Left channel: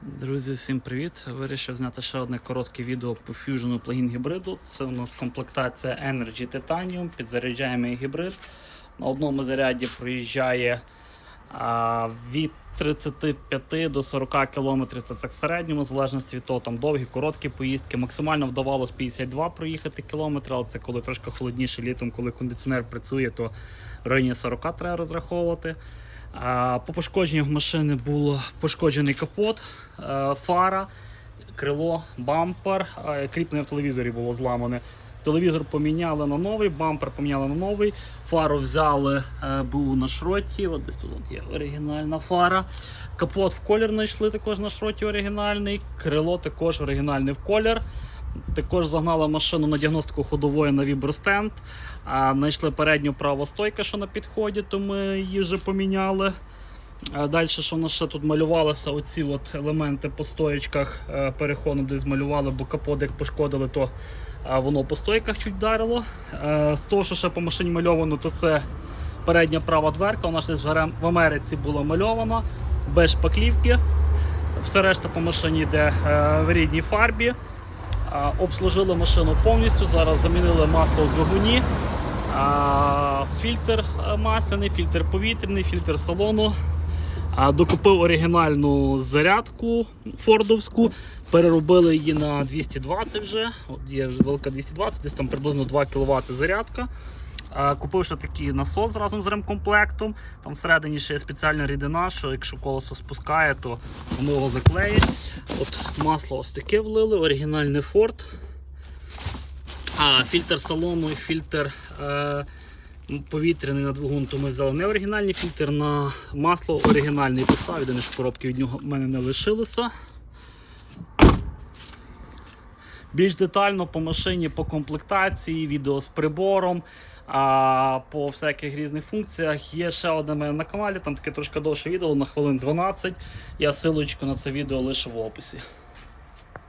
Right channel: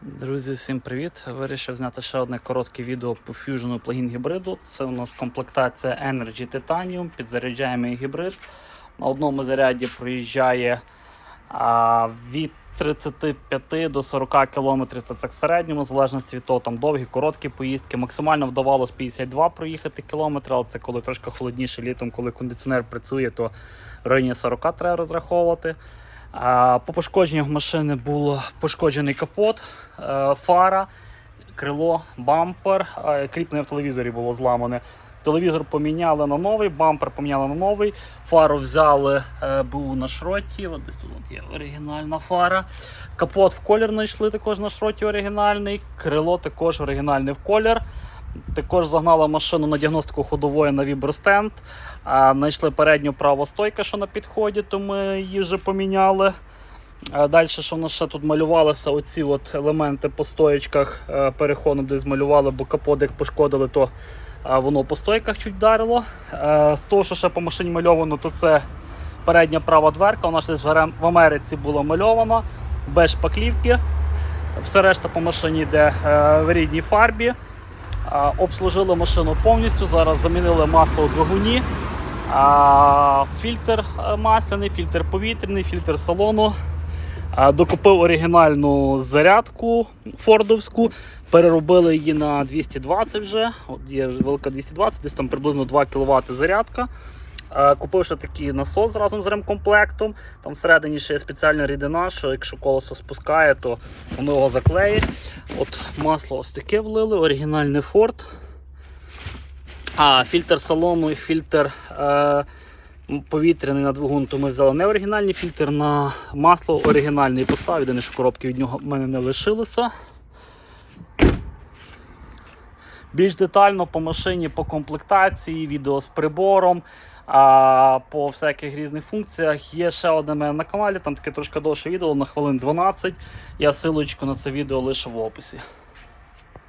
Друзі, всім привіт! Вирішив зняти ще одне коротке відео по Fusion плагін гібриду. Це у нас комплектація Energy Titanium, підзаряджаємий гібрид. На одному заряді проїжджає а, від 35 до 40 км, це так в середньому, в залежності від того, там довгі, короткі поїздки. Максимально вдавалось 52 проїхати кілометри, але це коли трошки холодніше літом, коли кондиціонер працює, то в районі 40 треба розраховувати. По пошкодженнях машини був пошкоджений капот, е, фара, крило, бампер, кріплення в телевізорі було зламане. Телевізор поміняли на новий, бампер поміняли на новий, фару взяли, е, був на шроті. От десь тут є оригінальна фара. Капот в колір знайшли також на шроті оригінальний, крило також оригінальне в колір. Також загнали машину на діагностику ходової на вібростенд. Знайшли передню праву стойку, що на підході, то ми її вже поміняли. Далі, що в нас ще тут малювалося, оці от елементи по стоєчках е, переходом десь змалювали, бо капот як пошкодили, то воно по стойках чуть вдарило. Е, З того, що ще по машині мальовано, то це передня права дверка. Вона ж десь в Америці була мальована, без шпаклівки. Все решта по машині йде е, в рідній фарбі. Обслужили машину повністю. Зараз замінили масло у двигуні. Фільтр е, масляний, фільтр повітряний, фільтр салону. Докупив оригінальну зарядку фордовську. Переробили її на 220 вже. Є велика 220, десь там приблизно 2 кВт зарядка. Е, Купив ще такий насос разом з ремкомплектом. Там всередині ще є спеціальна рідина, що якщо колесо спускає, то воно його заклеїть. От масло ось таке влили, оригінальний Ford. А фільтр салону і фільтр е, повітряний на двигун, то ми взяли не оригінальний фільтр на масло оригінальний поставив. Єдине, що коробки від нього в мене не лишилося. Більш детально по машині, по комплектації, відео з прибором, а, по всяких різних функціях. Є ще одне мене на каналі, там таке трошки довше відео на хвилин 12. Я силочку на це відео лишу в описі.